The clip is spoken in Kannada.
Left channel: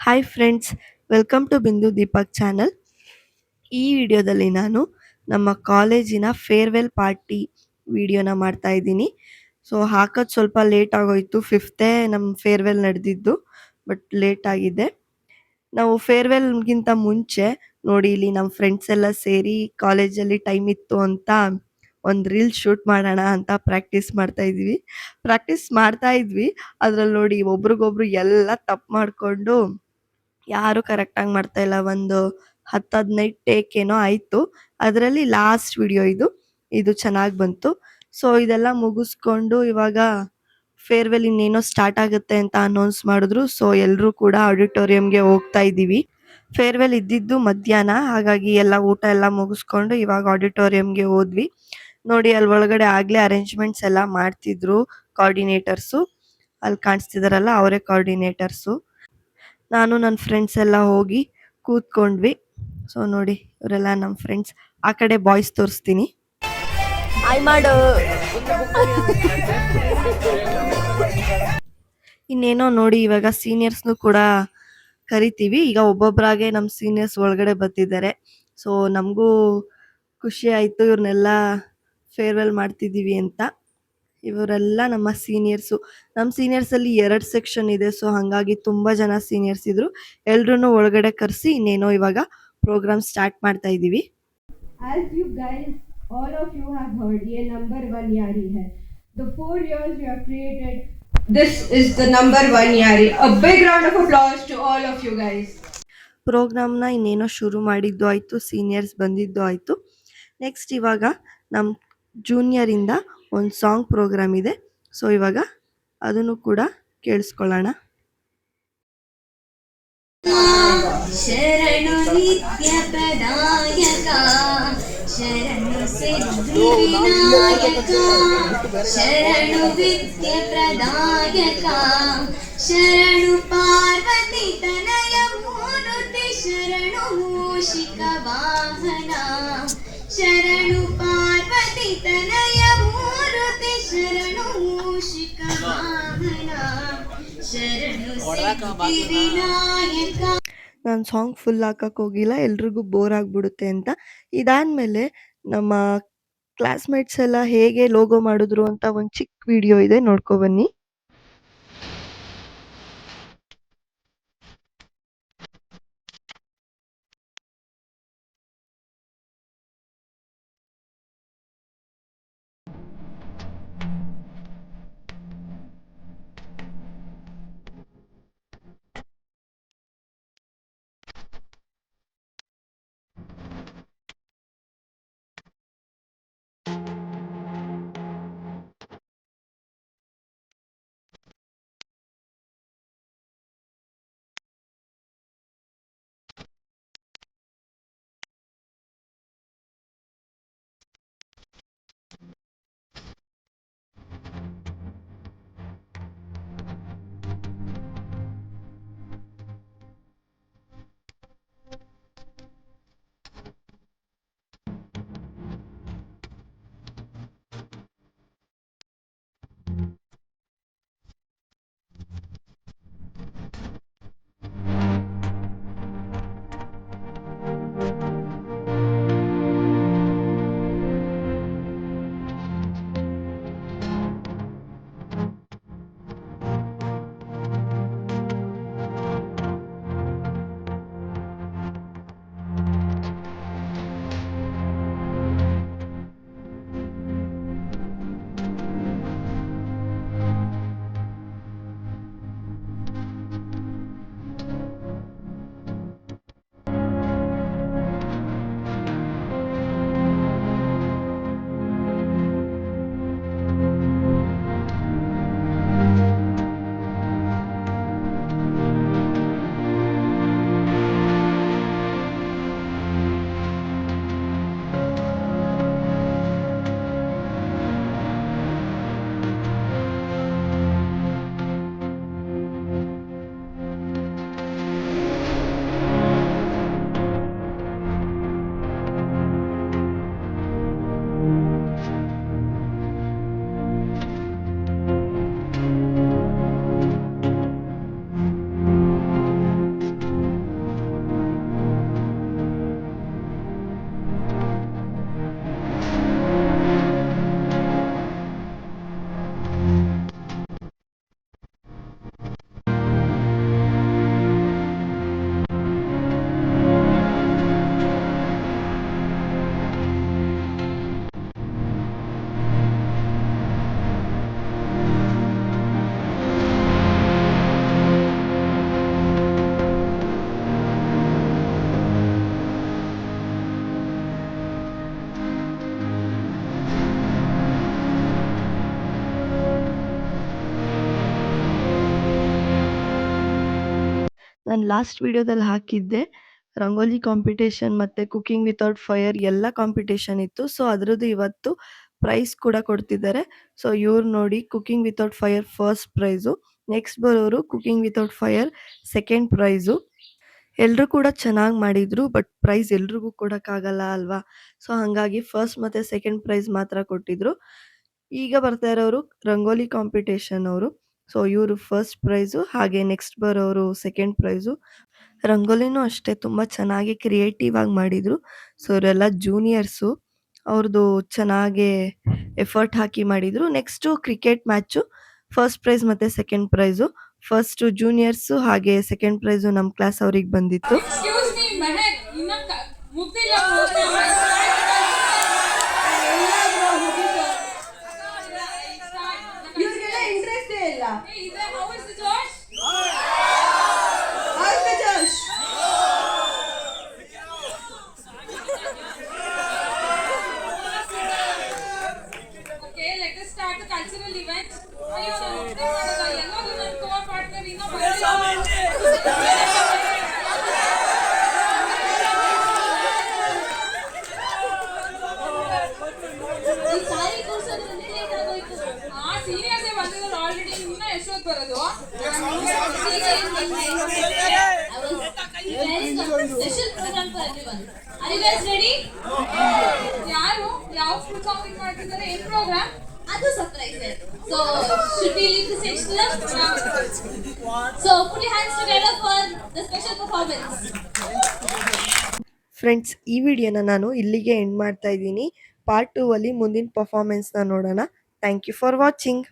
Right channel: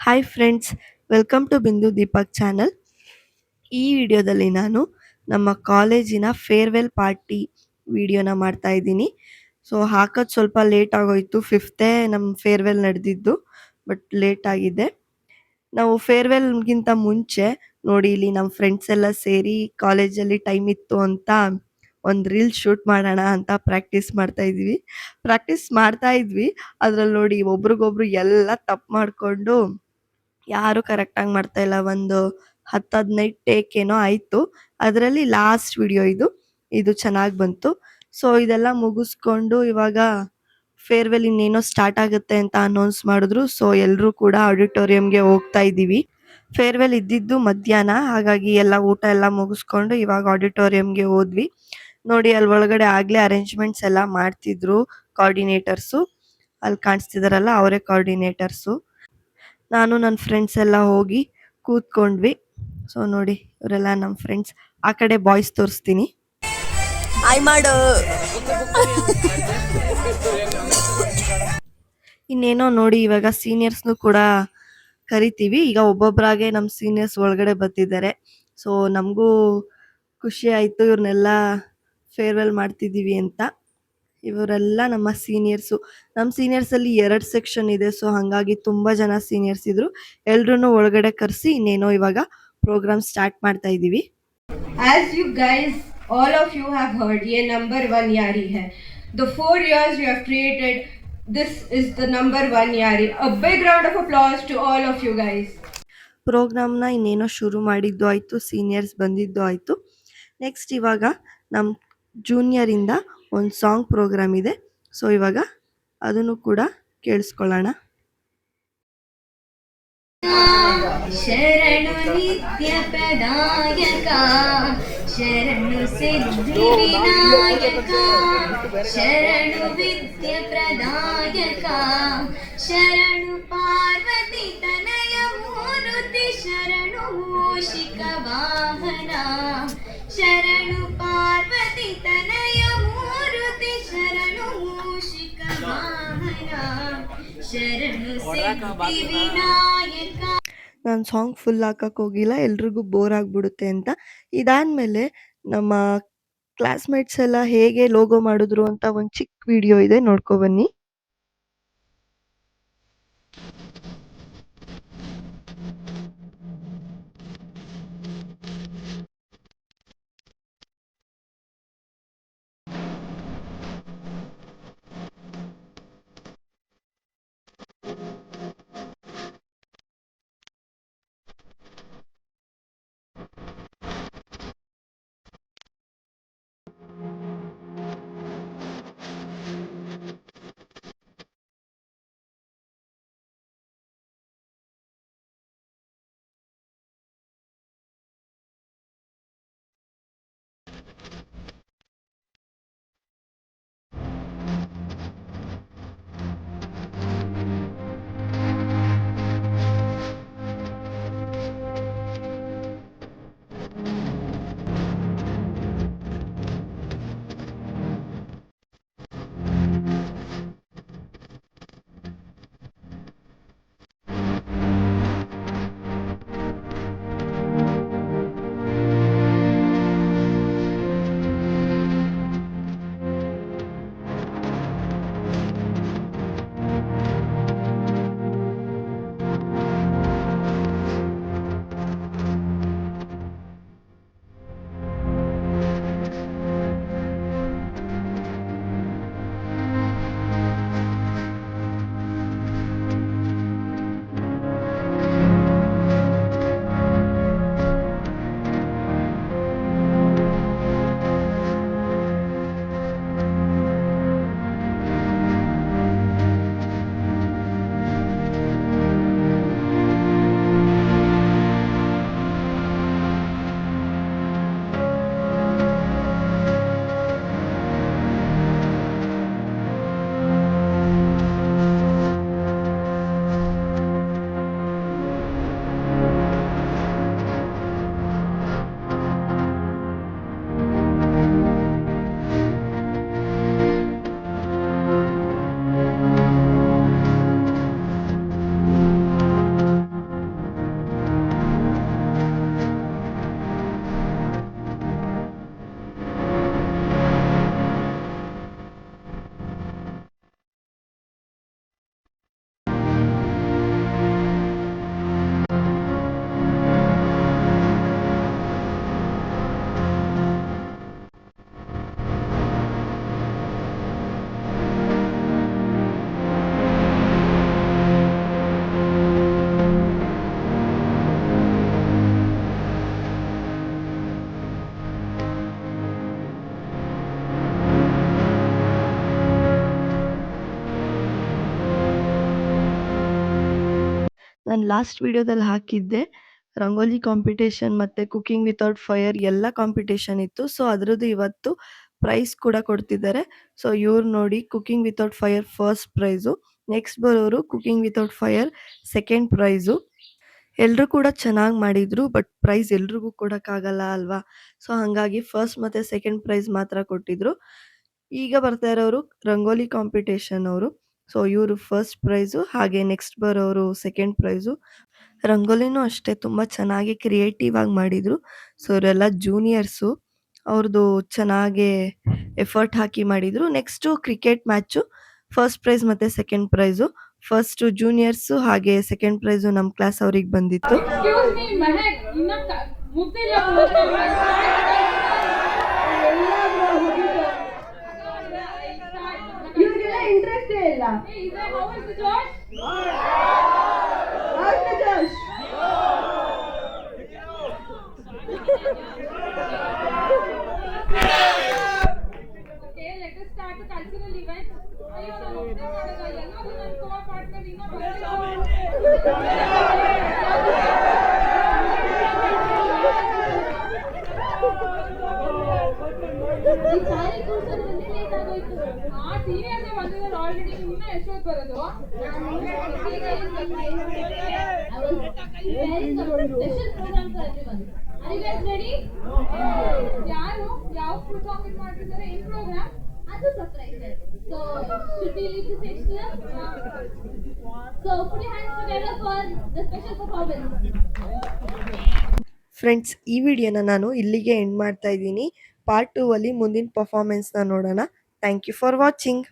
ಹಾಯ್ ಫ್ರೆಂಡ್ಸ್, ವೆಲ್ಕಮ್ ಟು ಬಿಂದು ದೀಪಕ್ ಚಾನಲ್. ಈ ವಿಡಿಯೋದಲ್ಲಿ ನಾನು ನಮ್ಮ ಕಾಲೇಜಿನ ಫೇರ್ವೆಲ್ ಪಾರ್ಟಿ ವಿಡಿಯೋನ ಮಾಡ್ತಾ ಇದ್ದೀನಿ. ಸೊ ಹಾಕೋದು ಸ್ವಲ್ಪ ಲೇಟ್ ಆಗೋಯ್ತು. ಫಿಫ್ತೇ ನಮ್ಮ ಫೇರ್ವೆಲ್ ನಡೆದಿದ್ದು, ಬಟ್ ಲೇಟ್ ಆಗಿದೆ. ನಾವು ಫೇರ್ವೆಲ್ಗಿಂತ ಮುಂಚೆ ನೋಡಿ, ಇಲ್ಲಿ ನಮ್ಮ ಫ್ರೆಂಡ್ಸ್ ಎಲ್ಲ ಸೇರಿ ಕಾಲೇಜಲ್ಲಿ ಟೈಮ್ ಇತ್ತು ಅಂತ ಒಂದು ರೀಲ್ ಶೂಟ್ ಮಾಡೋಣ ಅಂತ ಪ್ರಾಕ್ಟೀಸ್ ಮಾಡ್ತಾ ಇದ್ವಿ. ಅದ್ರಲ್ಲಿ ನೋಡಿ ಒಬ್ರಿಗೊಬ್ರು ಎಲ್ಲ ತಪ್ಪು ಮಾಡಿಕೊಂಡು ಯಾರು ಕರೆಕ್ಟಾಗಿ ಮಾಡ್ತಾ ಇಲ್ಲ. ಒಂದು 10-15 ಟೇಕ್ ಏನೋ ಆಯಿತು. ಅದರಲ್ಲಿ ಲಾಸ್ಟ್ ವಿಡಿಯೋ ಇದು ಚೆನ್ನಾಗಿ ಬಂತು. ಸೊ ಇದೆಲ್ಲ ಮುಗಿಸ್ಕೊಂಡು ಇವಾಗ ಫೇರ್ವೆಲ್ ಇನ್ನೇನೋ ಸ್ಟಾರ್ಟ್ ಆಗುತ್ತೆ ಅಂತ ಅನೌನ್ಸ್ ಮಾಡಿದ್ರು. ಸೊ ಎಲ್ಲರೂ ಕೂಡ ಆಡಿಟೋರಿಯಂಗೆ ಹೋಗ್ತಾ ಇದ್ದೀವಿ. ಫೇರ್ವೆಲ್ ಇದ್ದಿದ್ದು ಮಧ್ಯಾಹ್ನ, ಹಾಗಾಗಿ ಎಲ್ಲ ಊಟ ಎಲ್ಲ ಮುಗಿಸ್ಕೊಂಡು ಇವಾಗ ಆಡಿಟೋರಿಯಂಗೆ ಹೋದ್ವಿ. ನೋಡಿ ಅಲ್ಲಿ ಒಳಗಡೆ ಆಗಲೇ ಅರೇಂಜ್ಮೆಂಟ್ಸ್ ಎಲ್ಲ ಮಾಡ್ತಿದ್ರು ಕೋಆರ್ಡಿನೇಟರ್ಸು. ಅಲ್ಲಿ ಕಾಣಿಸ್ತಿದಾರಲ್ಲ, ಅವರೇ ಕೋಆರ್ಡಿನೇಟರ್ಸು. ನಾನು ನನ್ನ ಫ್ರೆಂಡ್ಸ್ ಎಲ್ಲ ಹೋಗಿ ಕೂತ್ಕೊಂಡ್ವಿ. ಸೊ ನೋಡಿ, ಇವರೆಲ್ಲ ನಮ್ಮ ಫ್ರೆಂಡ್ಸ್. ಆ ಕಡೆ ಬಾಯ್ಸ್ ತೋರಿಸ್ತೀನಿ. ಹಾಯ್ ಮಾಡು. ಇನ್ನೇನೋ ನೋಡಿ, ಇವಾಗ ಸೀನಿಯರ್ಸ್ನು ಕೂಡ ಕರಿತೀವಿ. ಈಗ ಒಬ್ಬೊಬ್ಬರಾಗೆ ನಮ್ಮ ಸೀನಿಯರ್ಸ್ ಒಳಗಡೆ ಬರ್ತಿದ್ದಾರೆ. ಸೊ ನಮಗೂ ಖುಷಿ ಆಯಿತು ಇವ್ರನ್ನೆಲ್ಲ ಫೇರ್ವೆಲ್ ಮಾಡ್ತಿದ್ದೀವಿ ಅಂತ. ಇವರೆಲ್ಲ ನಮ್ಮ ಸೀನಿಯರ್ಸು. ನಮ್ಮ ಸೀನಿಯರ್ಸಲ್ಲಿ 2 ಸೆಕ್ಷನ್ ಇದೆ. ಸೊ ಹಾಗಾಗಿ ತುಂಬ ಜನ ಸೀನಿಯರ್ಸ್ ಇದ್ರು. ಎಲ್ರೂ ಒಳಗಡೆ ಕರೆಸಿ ಇನ್ನೇನೋ ಇವಾಗ ಪ್ರೋಗ್ರಾಮ್ ಸ್ಟಾರ್ಟ್ ಮಾಡ್ತಾ ಇದ್ದೀವಿ. As you guys, all of you have heard, ये number 1 यारी है. The 4 years we have created, this is the number 1 यारी. A big round of applause to all of you guys. ಪ್ರೋಗ್ರಾಮ್ನ ಇನ್ನೇನೋ ಶುರು ಮಾಡಿದ್ದು ಆಯಿತು, ಸೀನಿಯರ್ಸ್ ಬಂದಿದ್ದು ಆಯಿತು. ನೆಕ್ಸ್ಟ್ ಇವಾಗ ನಮ್ಮ ಜೂನಿಯರಿಂದ ಒಂದು ಸಾಂಗ್ ಪ್ರೋಗ್ರಾಮ್ ಇದೆ. ಸೊ ಇವಾಗ ಅದನ್ನು ಕೂಡ ಕೇಳಿಸ್ಕೊಳ್ಳೋಣ. ಶರಣು ನಿತ್ಯ ಪ್ರದಾಯಕ, ಶರಣು ಸಿದ್ಧಿ ವಿನಾಯಕ, ಶರಣು ವಿದ್ಯ ಪ್ರದಾಯಕ, ಶರಣು ಪಾರ್ವತಿ ತನಯ ಮೂರುತಿ, ಶರಣು ಮೂಷಿಕ ವಾಹನ, ಶರಣು ಪಾರ್ವತಿ ತನಯ ಮೂರುತಿ, ಶರಣು ಮೂಷಿಕ ವಾಹನ, ಶರಣು ಸಿದ್ಧಿ ವಿನಾಯಕ. ನಾನು ಸಾಂಗ್ ಫುಲ್ ಹಾಕಕ್ಕೆ ಹೋಗಿಲ್ಲ, ಎಲ್ರಿಗೂ ಬೋರ್ ಆಗಿಬಿಡುತ್ತೆ ಅಂತ. ಇದಾದಮೇಲೆ ನಮ್ಮ ಕ್ಲಾಸ್ಮೇಟ್ಸ್ ಎಲ್ಲ ಹೇಗೆ ಲೋಗೋ ಮಾಡಿದ್ರು ಅಂತ ಒಂದು ಚಿಕ್ಕ ವಿಡಿಯೋ ಇದೆ, ನೋಡ್ಕೊಬನ್ನಿ. ನಾನು ಲಾಸ್ಟ್ ವಿಡಿಯೋದಲ್ಲಿ ಹಾಕಿದ್ದೆ ರಂಗೋಲಿ ಕಾಂಪಿಟೇಷನ್ ಮತ್ತು ಕುಕಿಂಗ್ ವಿತೌಟ್ ಫೈರ್ ಎಲ್ಲ ಕಾಂಪಿಟೇಷನ್ ಇತ್ತು. ಸೊ ಅದರದ್ದು ಇವತ್ತು ಪ್ರೈಸ್ ಕೂಡ ಕೊಡ್ತಿದ್ದಾರೆ. ಸೊ ಇವ್ರು ನೋಡಿ cooking without fire first prize, next ಬರೋರು cooking without fire second prize. ಎಲ್ಲರೂ ಕೂಡ ಚೆನ್ನಾಗಿ ಮಾಡಿದ್ರು, ಬಟ್ ಪ್ರೈಸ್ ಎಲ್ರಿಗೂ ಕೊಡೋಕ್ಕಾಗಲ್ಲ ಅಲ್ವಾ? ಸೊ ಹಾಗಾಗಿ ಫಸ್ಟ್ ಮತ್ತು ಸೆಕೆಂಡ್ ಪ್ರೈಸ್ ಮಾತ್ರ ಕೊಟ್ಟಿದ್ರು. ಈಗ ಬರ್ತಾ ಇರೋರು ರಂಗೋಲಿ ಕಾಂಪಿಟೇಷನ್ ಅವರು. ಸೊ ಇವರು ಫಸ್ಟ್ ಪ್ರೈಸು, ಹಾಗೆ ನೆಕ್ಸ್ಟ್ ಬರೋರು ಸೆಕೆಂಡ್ ಪ್ರೈಸು. ರಂಗೋಲಿನೂ ಅಷ್ಟೇ ತುಂಬ ಚೆನ್ನಾಗಿ ಕ್ರಿಯೇಟಿವ್ ಆಗಿ ಮಾಡಿದರು. ಸೊ ಇವರೆಲ್ಲ ಜೂನಿಯರ್ಸು, ಅವ್ರದ್ದು ಚೆನ್ನಾಗೇ ಎಫರ್ಟ್ ಹಾಕಿ ಮಾಡಿದರು. Next cricket match, first prize ಮತ್ತು ಸೆಕೆಂಡ್ ಪ್ರೈಸು. ಫಸ್ಟು ಜೂನಿಯರ್ಸು ಹಾಗೆ ಸೆಕೆಂಡ್ ಪ್ರೈಸು ನಮ್ಮ ಕ್ಲಾಸ್ ಅವ್ರಿಗೆ ಬಂದಿತ್ತು. ಎಕ್ಸ್ಕ್ಯೂಸ್ ಮೀ ಮೆಹಕ್, ಇನ್ನ ಮುಗ್ದಿಲ್ಲ ಇವ್ರಿಗೆಲ್ಲ ಇಂಟ್ರೆಸ್ಟೇ ಇಲ್ಲ. How's the church? Okay, let us start the cultural event. ಅಯ್ಯೋ ನಾನು ಒಬ್ಬನೇ ಮಾಡೋದ, ಎಲ್ಲರೂ ನನ್ನ ಕೋ ಪಾರ್ಟ್ನರ್ ಇನ್ನೂ ಈ ಸಾರಿ ಕೂರ್ಸೋದ್ರಿಂದ ಲೇಟ್ ಆಗೋಯ್ತು. ಆ ಸೀನಿಯರ್ಸೇ ಬಂದಿದ್ದಾರೆ ಆಲ್ರೆಡಿ, ಇನ್ನ ಎಷ್ಟೊತ್ತು ಬರೋದು? I was preparing a special program for everyone. Are you guys ready? ಯಾರು ಯಾವ ಫುಲ್ ಸಾಂಗ್ ಮಾಡ್ತಿದ್ದಾರೆ? ಏನ್ ಪ್ರೋಗ್ರಾಮ್? ಅದು ಸರ್ಪ್ರೈಸ್ ಇದೆ. So should we leave the stage to them? So put your hands together for the special performance. Friends, ಈ ವಿಡಿಯೋನ ನಾನು ಇಲ್ಲಿಗೆ ಎಂಡ್ ಮಾಡ್ತಾ ಇದ್ದೀನಿ. ಪಾರ್ಟ್ 2 ಅಲ್ಲಿ ಮುಂದಿನ ಪರ್ಫಾರ್ಮೆನ್ಸ್ನ ನೋಡೋಣ. Thank you for watching.